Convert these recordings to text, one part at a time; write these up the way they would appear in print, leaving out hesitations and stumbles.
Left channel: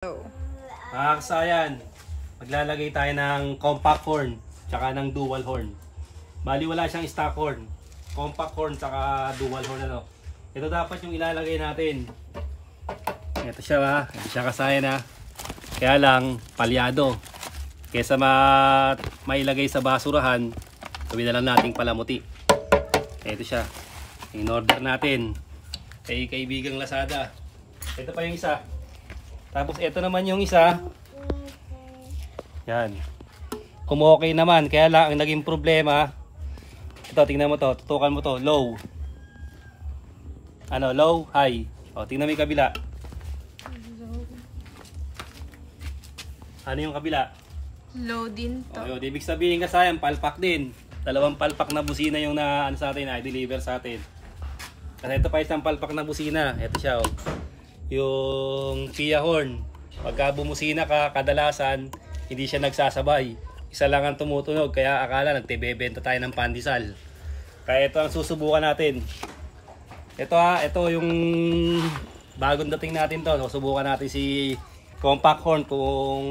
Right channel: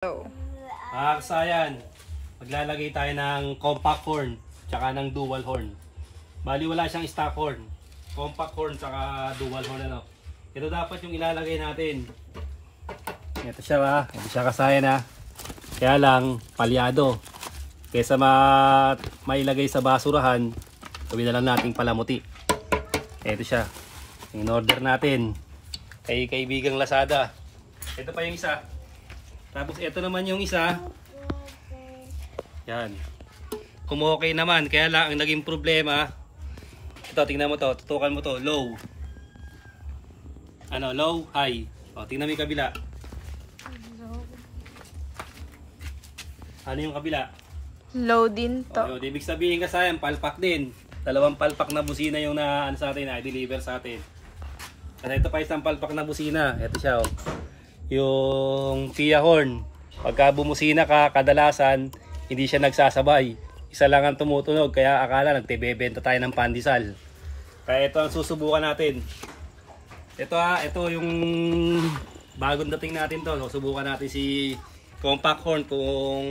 Oh. Mga kasayan, maglalagay tayo ng compact horn tsaka ng dual horn. Bali wala siyang stock horn, compact horn tsaka dual horn ano. Ito dapat yung ilalagay natin. Ito siya ba? Ito siya kasayan ha. Kaya lang palyado. Kesa mailagay sa basurahan, gawin na lang nating palamuti. Ito siya. In order natin kay kaibigang Lazada. Ito pa yung isa. Tapos ito naman yung isa. Yan. Okay naman. Kaya lang ang naging problema. Ito, tingnan mo to. Tutukan mo to. Low. Ano? Low, high. O, tingnan mo yung kabila. Ano yung kabila? Low din to. O, ibig sabihin kasi yan, palpak din. Dalawang palpak na busina yung na, ano sa atin, i-deliver sa atin. Kasi ito pa isang palpak na busina. Ito siya, o. Yung Pia horn, pagka bumusina ka, kadalasan hindi siya nagsasabay, isa lang ang tumutunog, kaya akala nagtebebenta tayo ng pandesal. Kaya ito ang susubukan natin. Ito ito yung bagong dating natin to. Susubukan natin si compact horn kung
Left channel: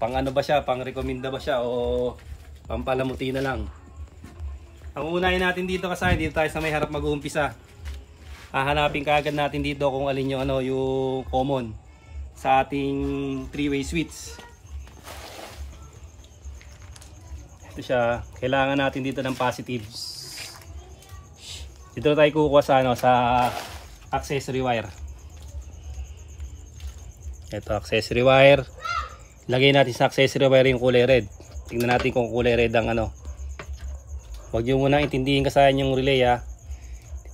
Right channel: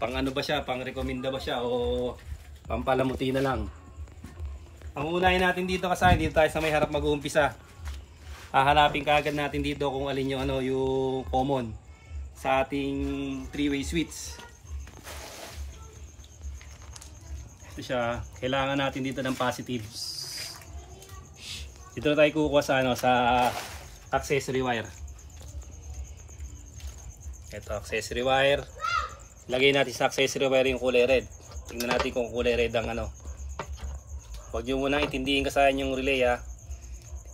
pang ano ba siya, pang rekomenda ba siya o pampalamuti na lang. Ang unahin natin dito kasi dito tayo sa may harap mag-uumpisa. Hahanapin kaagad natin dito kung alin yung ano, yung common sa ating three-way switch. Ito siya, kailangan natin dito ng positive. Dito tayo kukuha sa ano, sa accessory wire. Ito accessory wire. Lagay natin sa accessory wire yung kulay red. Tingnan natin kung kulay red ang ano. Huwag niyo muna intindihin kasayan yung relay ha.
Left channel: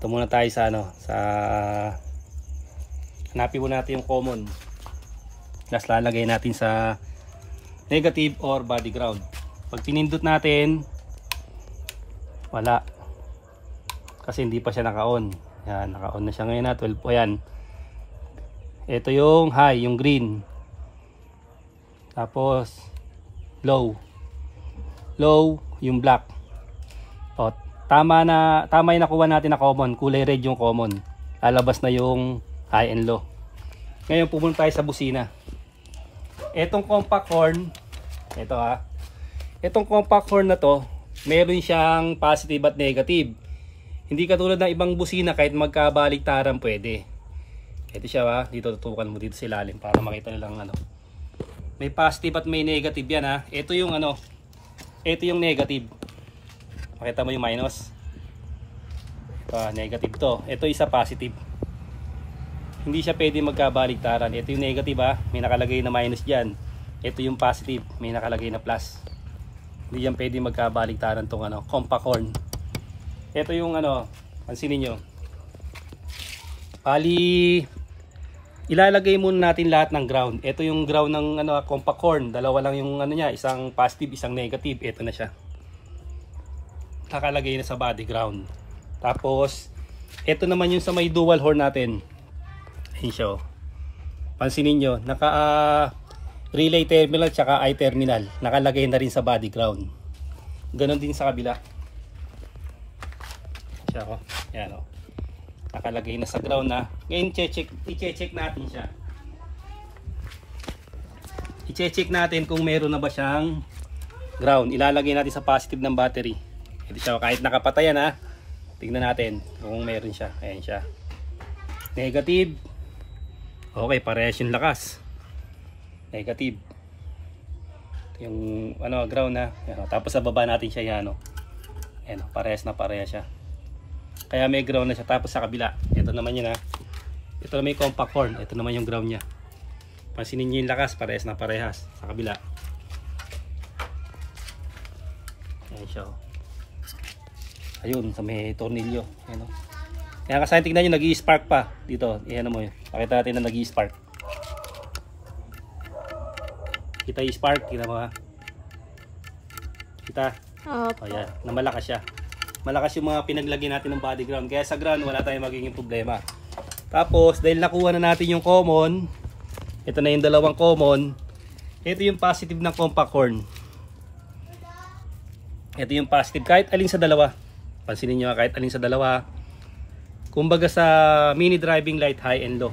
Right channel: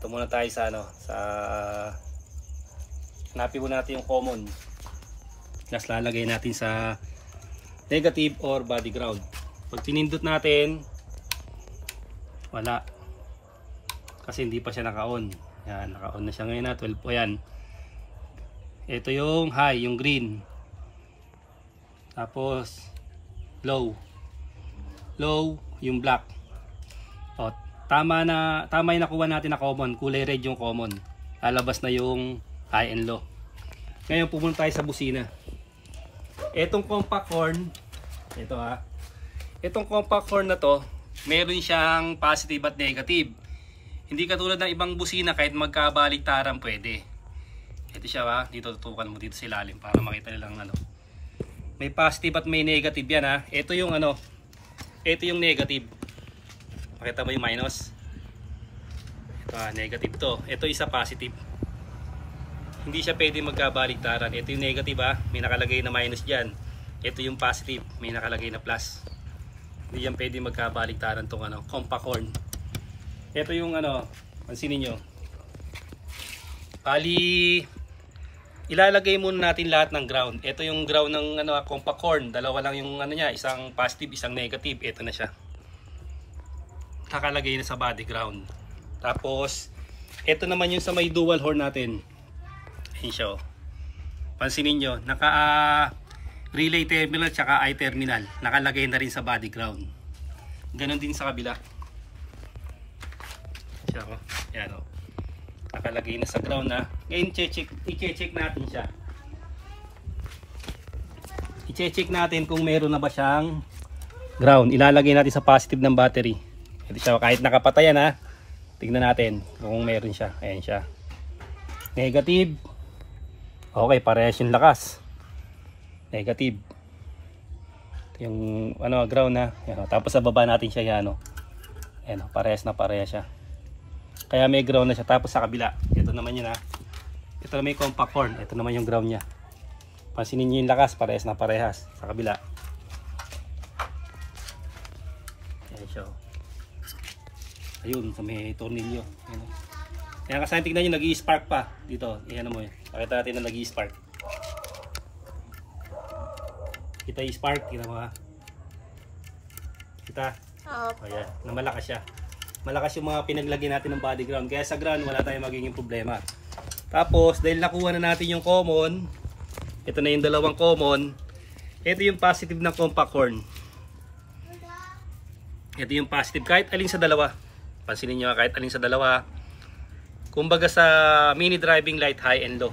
Ito muna tayo sa ano, sa hanapin muna natin yung common. Tapos lalagay natin sa negative or body ground. Pag pinindot natin, wala. Kasi hindi pa siya naka-on. Yan, naka-on na siya ngayon na 12 po yan. Ito yung high, yung green. Tapos low. Low, yung black. O, tama yung nakuha natin na common, kulay red yung common. Lalabas na yung high and low. Ngayon pupunta tayo sa busina. Etong compact horn, ito ha. Etong compact horn na to, meron siyang positive at negative. Hindi katulad ng ibang busina kahit magkabaliktaran pwede. Ito siya ha, dito tutukan mo dito sa ilalim para makita nilang ano. May positive at may negative yan ha. Ito yung ano, ito yung negative. Makita mo yung minus. Ito negative to. Ito isa positive. Hindi siya pwede magkabaliktaran. Ito yung negative ha. May nakalagay na minus dyan. Ito yung positive. May nakalagay na plus. Hindi yan pwede magkabaliktaran tong ano, compact horn. Ito yung ano, pansinin nyo. Bali, ilalagay muna natin lahat ng ground. Ito yung ground ng ano, compact horn. Dalawa lang yung ano niya. Isang positive, isang negative. Ito na siya. Nakalagay na sa body ground. Tapos ito naman yung sa may dual horn natin. Ayun siya. Pansinin nyo, naka relay terminal tsaka I terminal. Nakalagay na rin sa body ground. Ganon din sa kabila. Siya ko. Yan o. Nakalagay na sa ground na. Ngayon i-check natin siya. I-check natin kung meron na ba siyang ground. Ilalagay natin sa positive ng battery. So, kahit nakapatayan ha, tignan natin kung meron siya. Ayan siya. Negative. Okay, parehas yung lakas. Negative. Yung ano, ground na. Ayan, tapos sa baba natin siya yan. Ayan, parehas na parehas siya. Kaya may ground na siya. Tapos sa kabila, ito naman yun ha. Ito naman yung compact horn. Ito naman yung ground nya. Pansinin nyo yung lakas, parehas na parehas. Sa kabila. Ayan siya. Ayun, sa may tornilyo. Ano? Kaya kasi tignan nyo, nag-i-spark pa. Dito, ayan mo yun. Pakita natin na nag-i-spark. Kita yung spark, kita mo ha. Kita? O yan, na malakas siya. Malakas yung mga pinaglagyan natin ng body ground. Kaya sa ground, wala tayong magiging problema. Tapos, dahil nakuha na natin yung common, ito na yung dalawang common. Ito yung positive ng compact horn. Ito yung positive, kahit alin sa dalawa. Pansinin nyo kahit alin sa dalawa. Kumbaga sa mini driving light high and low.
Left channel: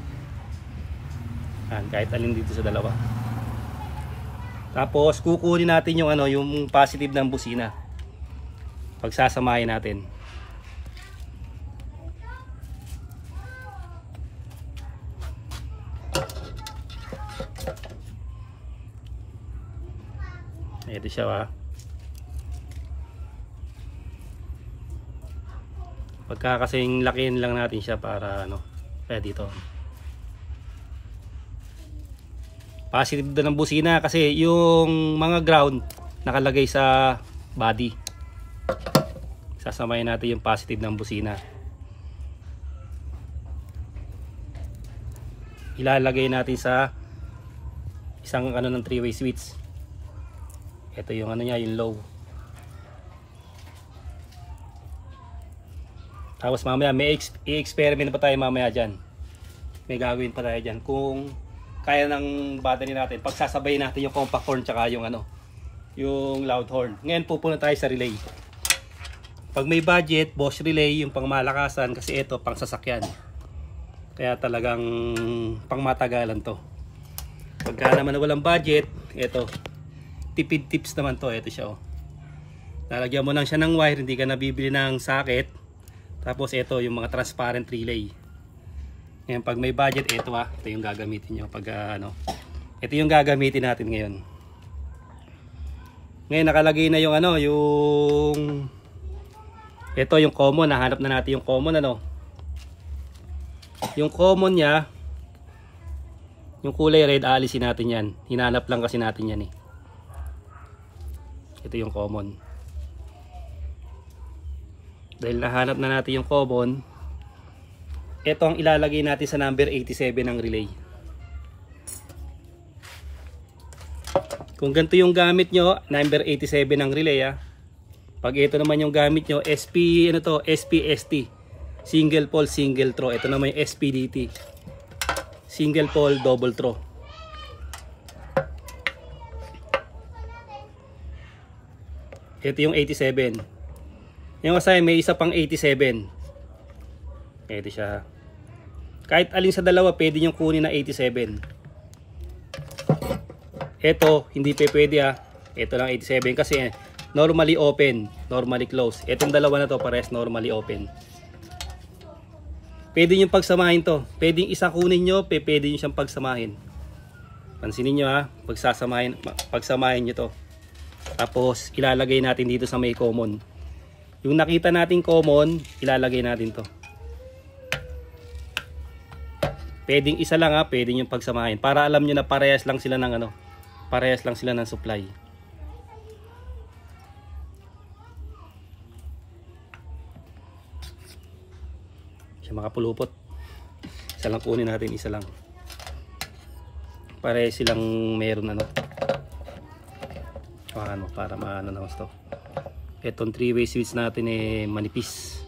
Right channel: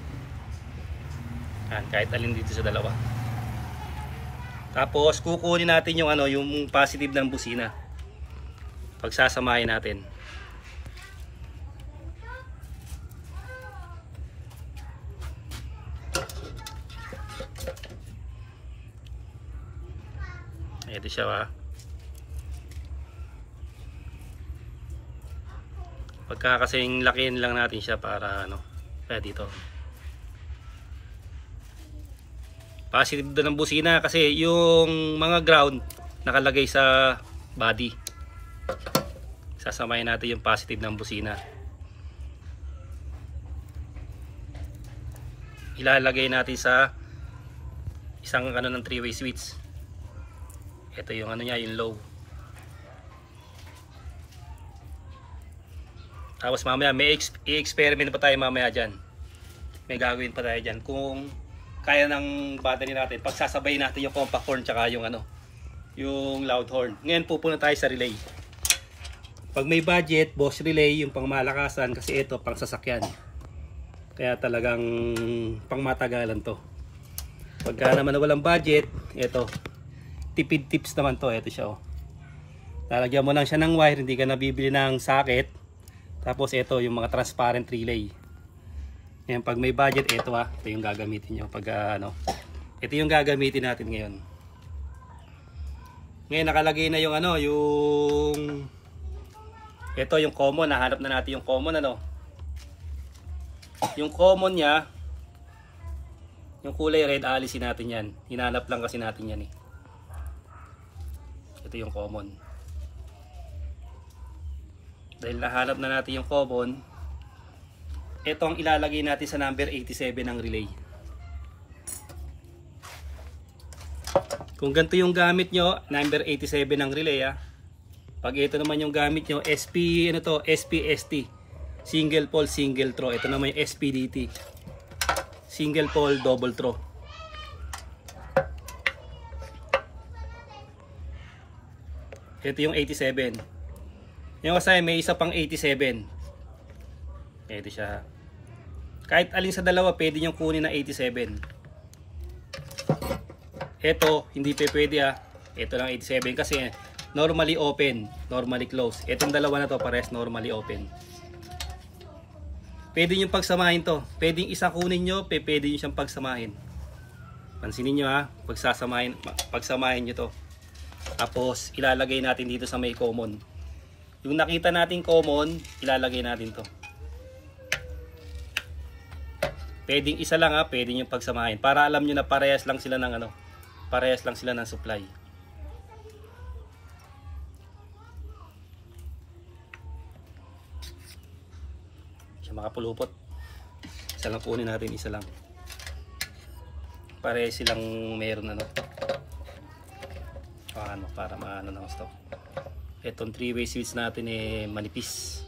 Yan, kahit alin dito sa dalawa. Tapos kukunin natin yung ano, yung positive ng busina. Pagsasamahin natin. Ito siya ha. Pagka kasing lakihin lang natin siya para ano, kaya dito. Positive doon ng busina kasi yung mga ground nakalagay sa body. Sasamahin natin yung positive ng busina. Ilalagay natin sa isang ano ng 3-way switch. Ito yung ano niya, yung low. Tapos mamaya may i-experiment pa tayo mamaya dyan. May gagawin pa tayo dyan. Kung kaya ng battery natin, pagsasabay natin yung compact horn tsaka yung ano, yung loud horn. Ngayon pupunta tayo sa relay. Pag may budget, Bosch relay yung pangmalakasan kasi ito pang sasakyan. Kaya talagang pangmatagalan to. Pagka naman walang budget, ito tipid tips naman to. Ito siya oh. Lalagyan mo lang siya ng wire, hindi ka nabibili ng socket. Tapos ito yung mga transparent relay. Ngayon pag may budget, ito ito yung gagamitin nyo. Pag ano, ito yung gagamitin natin ngayon. Ngayon nakalagay na yung ano, yung ito yung common. Nahanap na natin yung common ano. Yung common nya, yung kulay red, alisin natin yan. Hinanap lang kasi natin yan eh. Ito yung common. Dahil nahanap na natin yung common, ito ang ilalagay natin sa number 87 ng relay. Kung ganito yung gamit nyo, number 87 ng relay Pag ito naman yung gamit nyo, SP, ano to, SPST. Single pole, single throw. Ito naman yung SPDT. Single pole, double throw. Ito yung 87. Yung kasi may isa pang 87. Ito siya. Kahit alin sa dalawa pwede nyo kunin na 87. Ito hindi pa pwede Ito lang 87 kasi normally open, normally close. Itong dalawa na to pares normally open. Pwede nyo pagsamahin to. Pwede isa kunin nyo, pwede nyo siyang pagsamahin. Pansinin nyo pagsamahin nyo to. Tapos ilalagay natin dito sa may common. Yung nakita natin common, ilalagay natin to. Pwedeng isa lang pwede nyo pagsamahin. Para alam nyo na parehas lang sila ng ano, parehas lang sila ng supply. Siya makapulupot. Isa lang kunin natin, isa lang. Parehas silang meron ano. Para maano na gusto. Itong 3-way switch natin manipis.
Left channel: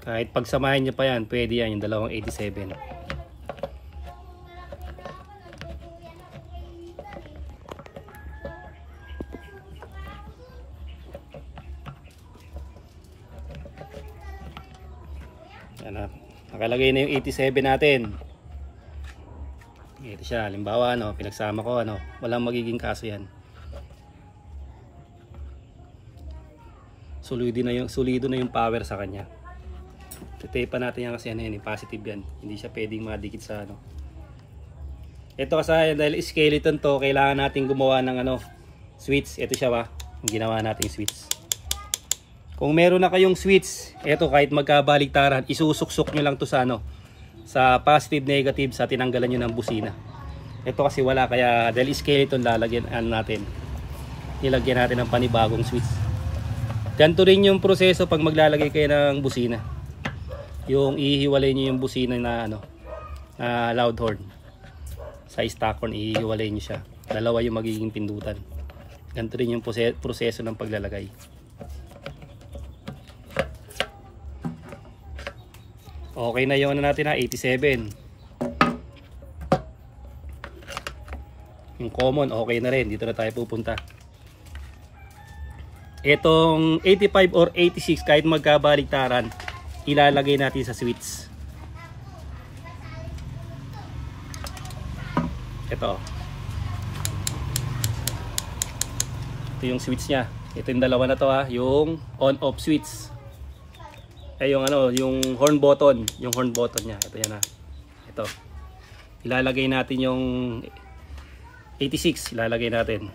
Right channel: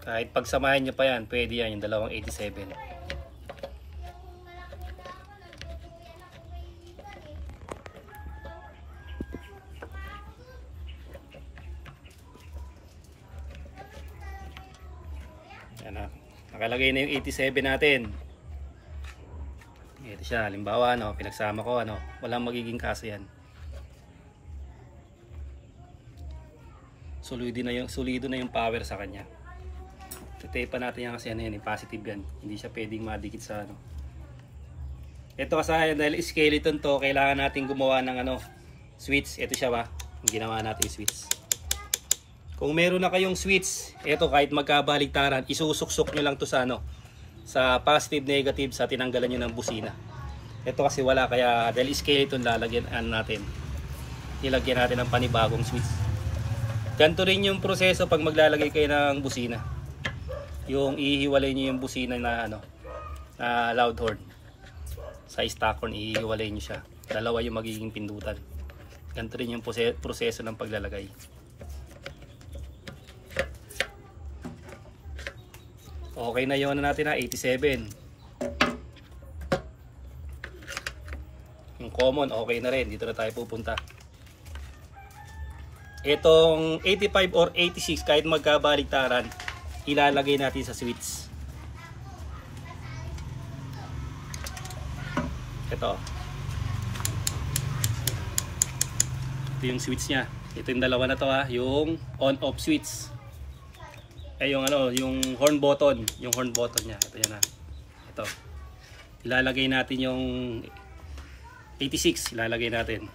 Kahit pagsamahin nyo pa yan, pwede yan yung dalawang 87. Yan nakalagay na yung 87 natin. Ito siya, halimbawa pinagsama ko walang magiging kaso yan. Solido na yung power sa kanya. Tape pa natin yan kasi positive yan. Hindi siya pwedeng madikit sa Ito kasi dahil skeleton to, kailangan natin gumawa ng switch. Ito siya ginawa natin switch. Kung meron na kayong switch, ito kahit magkabaligtaran, isusuksok nyo lang to sa sa positive negative sa tinanggalan nyo ng busina. Ito kasi wala, kaya dahil skeleton lalagyan natin. Nilagyan natin ng panibagong switch. Ganito rin yung proseso pag maglalagay kayo ng busina. Yung ihiwalay nyo yung busina na loud horn. Sa stock horn ihiwalay nyo siya. Dalawa yung magiging pindutan. Ganito rin yung proseso ng paglalagay. Okay na yung natin 87. Yung common okay na rin. Dito na tayo pupunta. Itong 85 or 86, kahit magkabaligtaran, ilalagay natin sa switch. Ito yung switch niya. Ito yung dalawa na to ha, yung on-off switch. Ay yung ano, yung horn button niya. Ito yan ha. Ito. Ilalagay natin yung 86, ilalagay natin.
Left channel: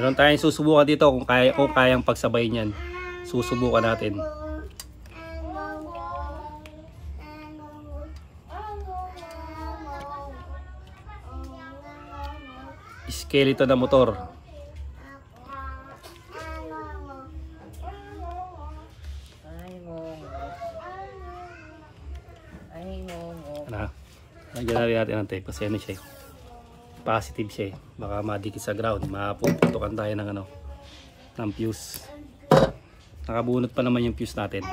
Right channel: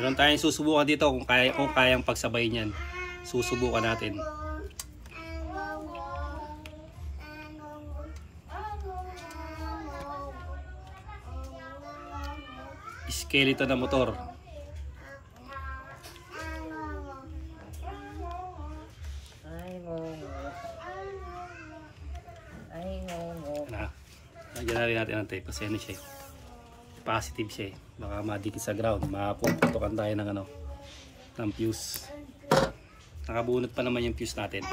Meron tayong susubukan dito kung kayang pagsabay niyan. Susubukan natin. Skeleton na motor. Ano? Nagyan na rin natin ang tape kasi ano siya, positive siya, baka madikit sa ground, mapuputukan tayo ng ano, ng fuse. Nakabunot pa naman yung fuse natin.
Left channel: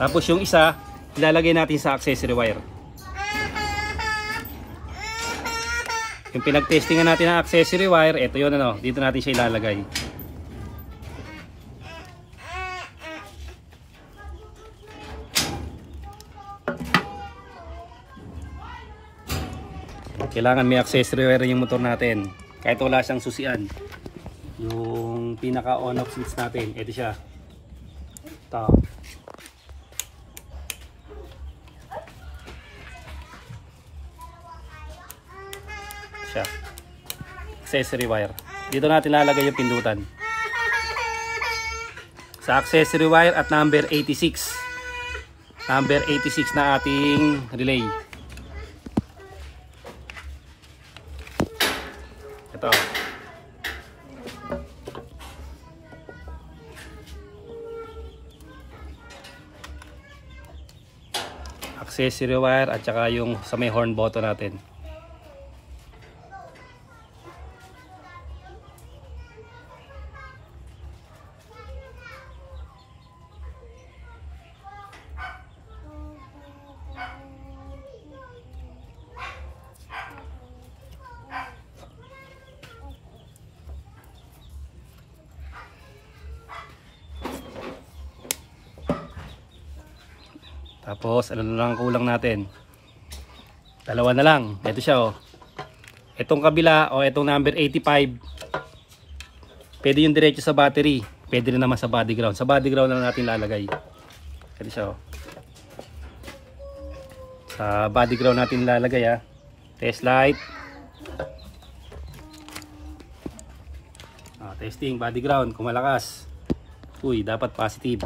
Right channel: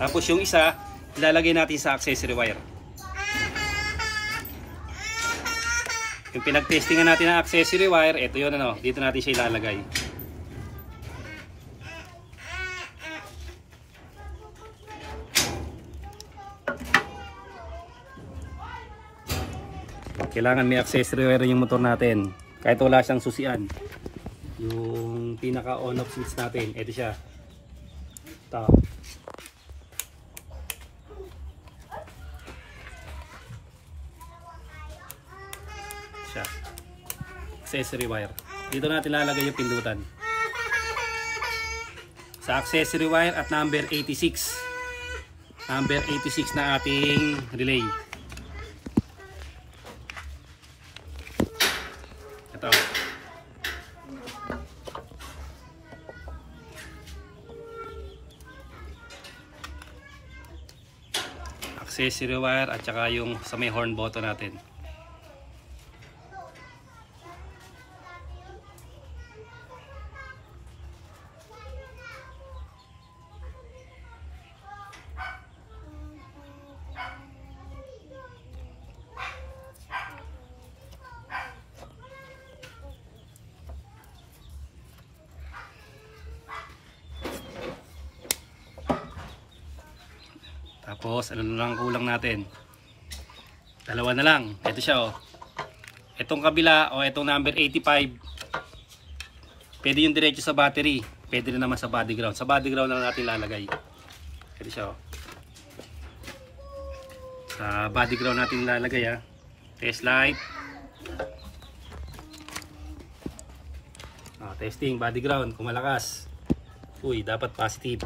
Tapos yung isa, ilalagay natin sa accessory wire. Yung pinag-testingan natin ng accessory wire, ito yun ano, dito natin siya ilalagay. Kailangan may accessory wire yung motor natin. Kahit wala siyang susian. Yung pinaka on-off switch natin, ito siya. Ito. Siya. Accessory wire. Dito natin lalagay yung pindutan. Sa accessory wire at number 86. Number 86 na ating relay. Ito. Accessory wire at saka yung sa may horn button natin. Tapos ano na lang kulang natin, dalawa na lang. Ito siya oh. Itong kabila o itong number 85, pwede yung diretso sa battery, pwede na naman sa body ground. Sa body ground lang natin lalagay. Ito siya oh. Sa body ground natin lalagay ha. Test light. Testing body ground kung malakas. Uy, dapat positive.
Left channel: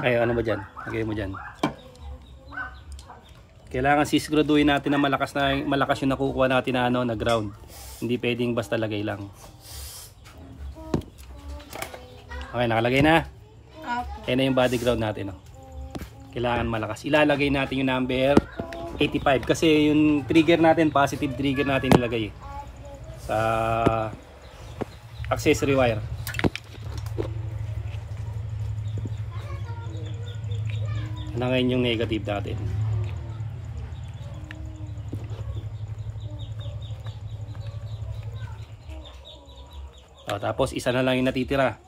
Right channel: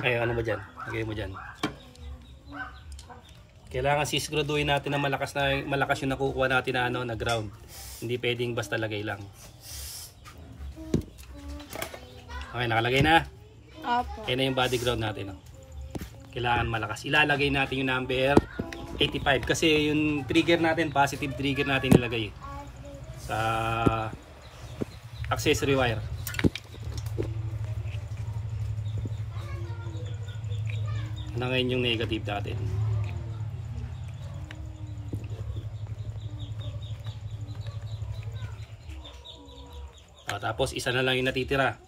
Ay, ano ba dyan? Lagay mo dyan. Kailangan sisiguraduhin natin na malakas yung nakukuha natin na, ano, na ground. Hindi pwedeng basta lagay lang. Okay, nakalagay na. Apo. Ayan na yung body ground natin. Oh. Kailangan malakas. Ilalagay natin yung number 85. Kasi yung trigger natin, positive trigger natin nilagay sa accessory wire. Na ngayon yung negative natin. Tapos isa na lang yung natitira.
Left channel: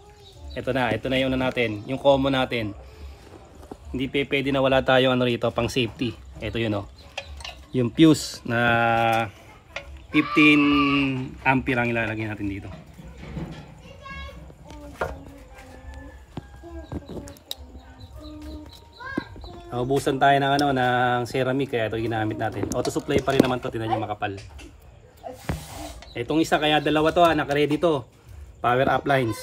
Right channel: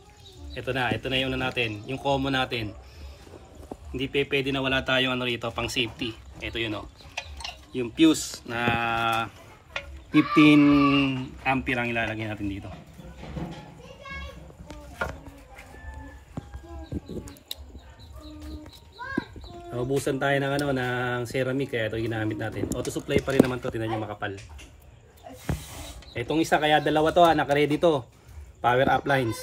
Ito na yung natin, yung common natin. Hindi pwede na wala tayong ano rito pang safety. Ito yun oh. Yung fuse na 15 ampere ang ilalagay natin dito. Naubusan tayo ng ano, ng ceramic kaya ito ginamit natin. Auto supply pa rin naman to, tingnan niyo makapal. Itong isa kaya dalawa to ha, naka-ready to. Power up lines.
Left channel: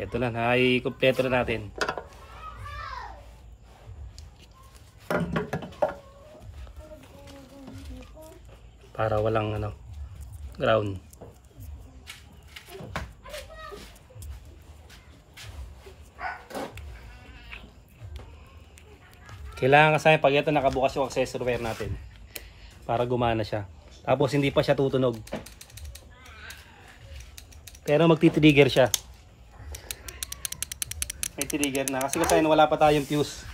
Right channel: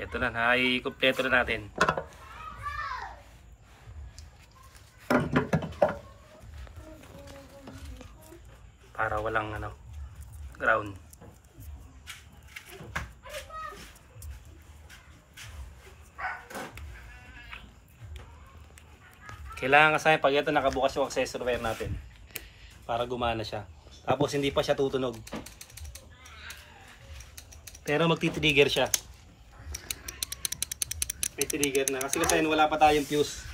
Ito na, kompleto na natin. Para walang ground. Kailangan kasi pag ito nakabukas yung accessory wire natin para gumana siya. Tapos hindi pa siya tutunog. Pero magti-trigger siya. May trigger na. Kasi wala pa tayong fuse.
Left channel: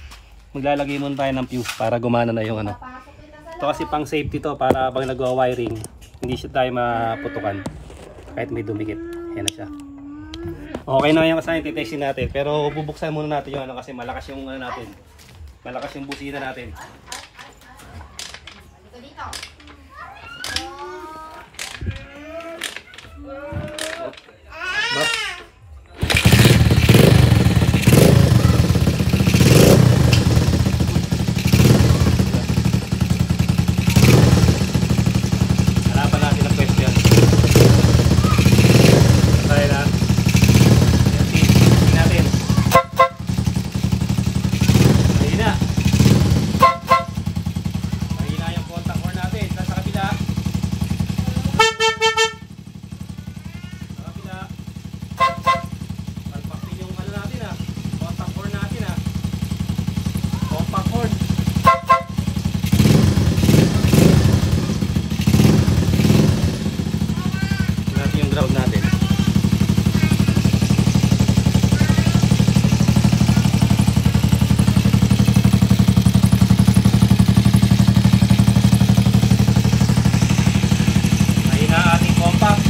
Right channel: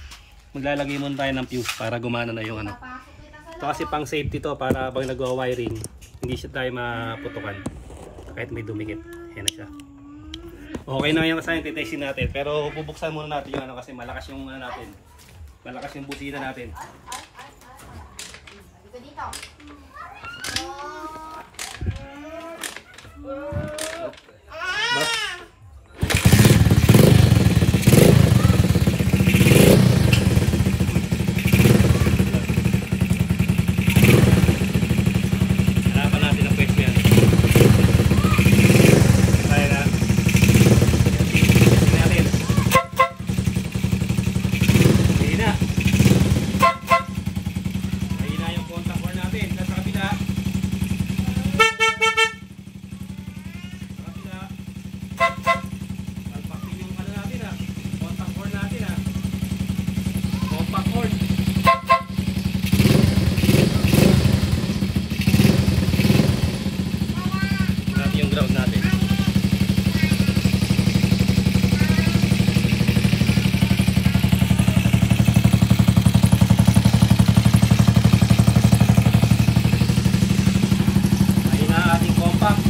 Maglalagay muna tayo ng fuse para gumana na yung Ito kasi pang safety to para pag nagwa-wiring, hindi siya tayo maputukan. Kahit may dumikit. Ayan na siya. Okay na yung kasi testing natin. Pero bubuksan muna natin yung kasi malakas yung natin. Malakas yung busina natin. Bas. Hanapan natin ang pwesto yan. Kaya na. Tingnan natin. Mahina. Mahina yung contact core natin. Nasa kabila. Sa kabila. Palpak din yung natin contact core natin compact cord. Natin yung ground natin. Mahina ating compact.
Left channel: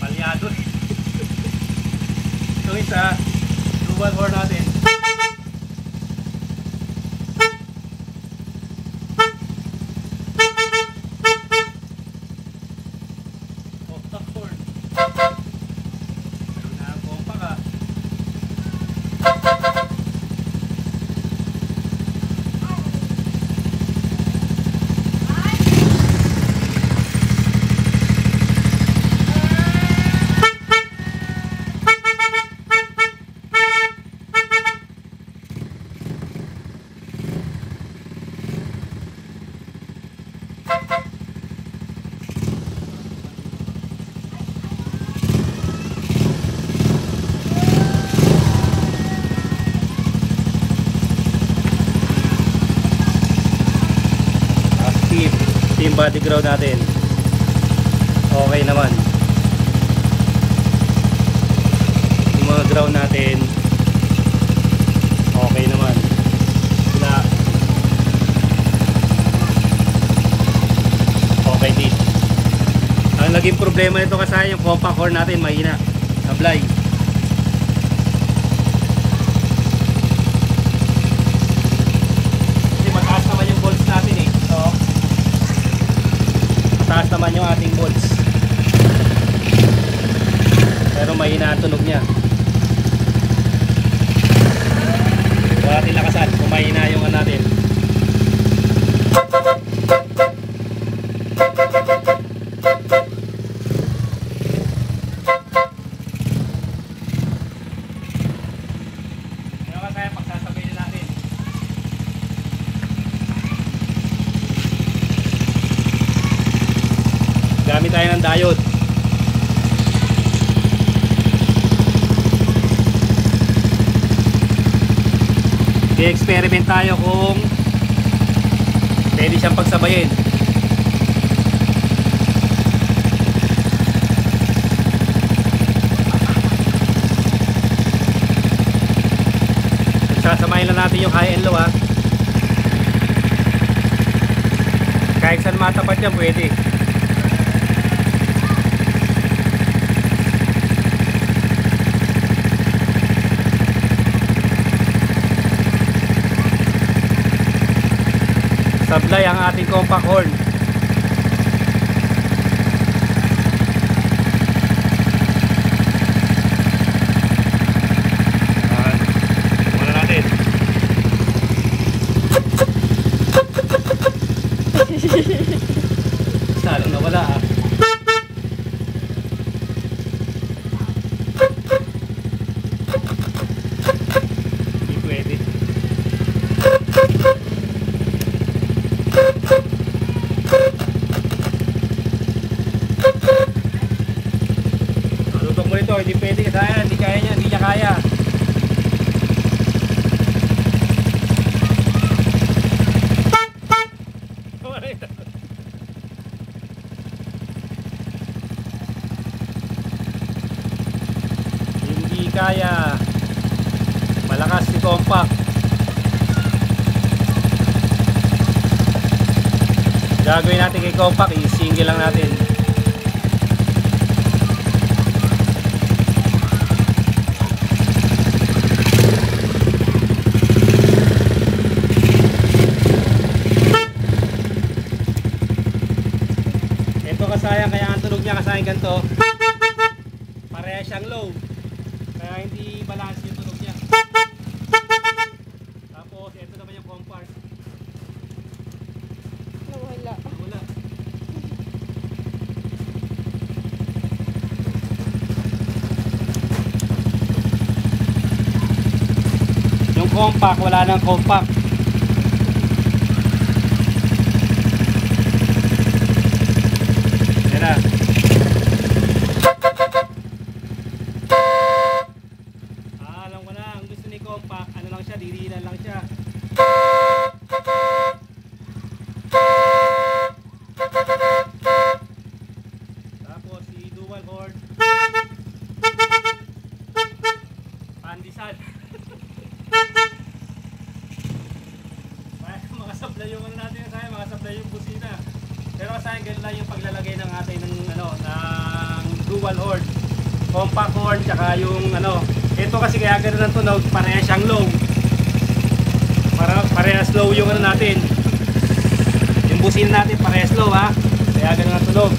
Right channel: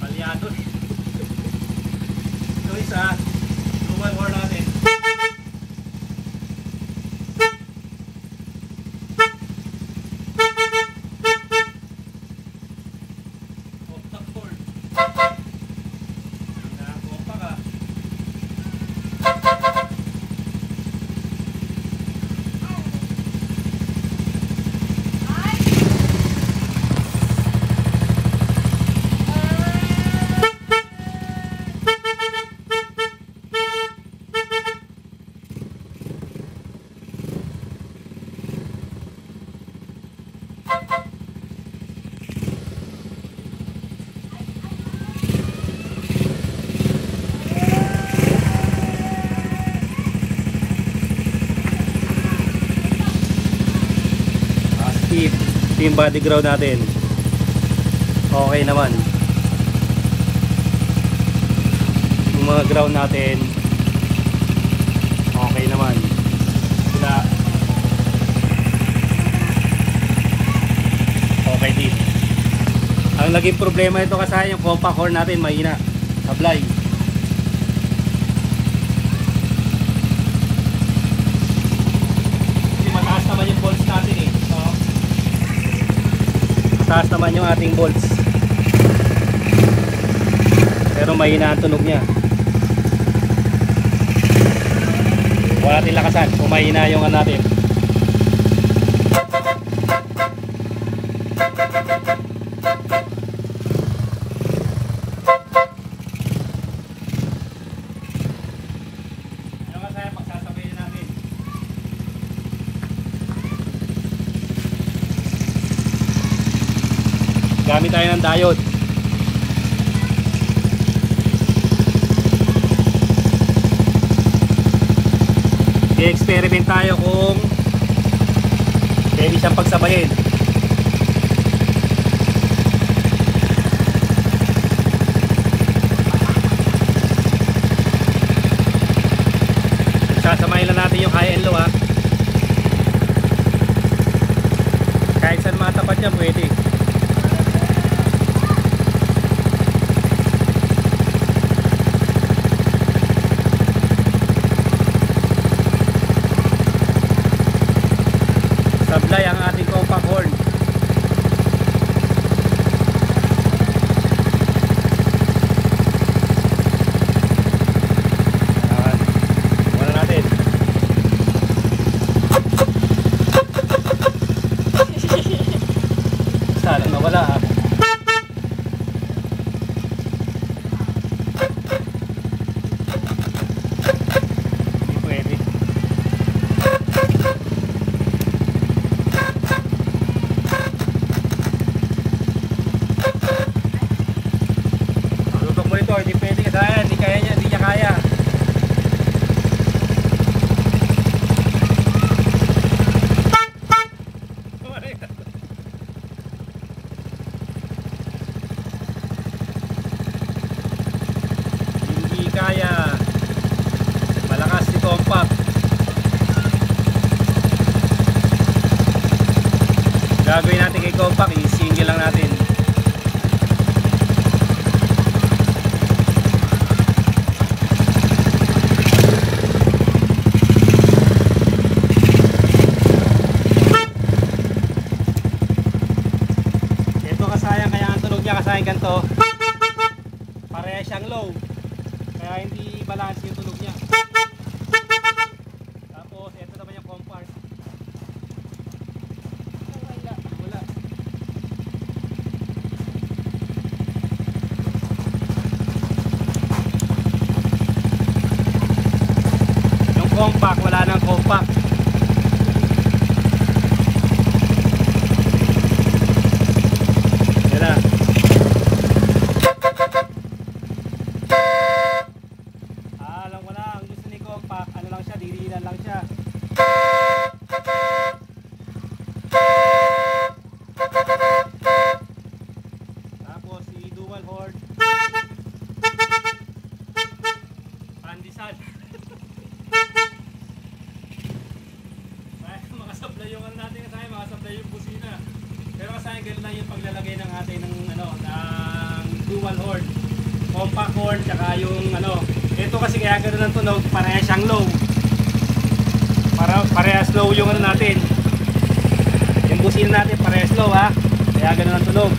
Palyado. Ito isa dual horn natin. Compact cord. Ayun na ang compact yung body ground natin okay naman. Yung mga ground natin okay naman. Wala okay din. Ang naging problema nito kasi yung compact core natin mahina sablay. Kasi mataas naman yung volts natin taas naman yung ating bolts pero mahina ang tunog niya. Kaya natin lakasan kung mahina yung natin. Ano kasi pagsasabay na natin. Gamit tayo ng diode. I-experiment tayo kung pwede siyang pagsabayin. Sasamahin lang natin yung high and low kahit saan matapat yan pwede. Sablay ang ating compact horn. Muna natin. Bisaya. Malakas si compact. Gagawin natin kay compact, i-single lang natin. Ito kasayang, kaya ang tunog niya kasayang ganito. Pareha siyang low. Kaya hindi balance yung tunog niya. Tapos ito naman yung compact. Wala. Yung compact, wala nang compact. Yan na. Alam ko na, ang gusto ni compact, ano lang siya, dirilan lang siya. Tapos si dual horn, pandesal. Makasablay yung ano natin kasaya, makasablay yung busina. Pero kasaya gano'n lang yung paglalagay ng atin ng ano, ng dual horn, compact horn, tsaka yung ano. Ito kasi kaya gano'n ang tunog, parehas siyang low. Parehas low yung ano natin. Yung busina natin parehas low ha. Kaya gano'n ang tunog.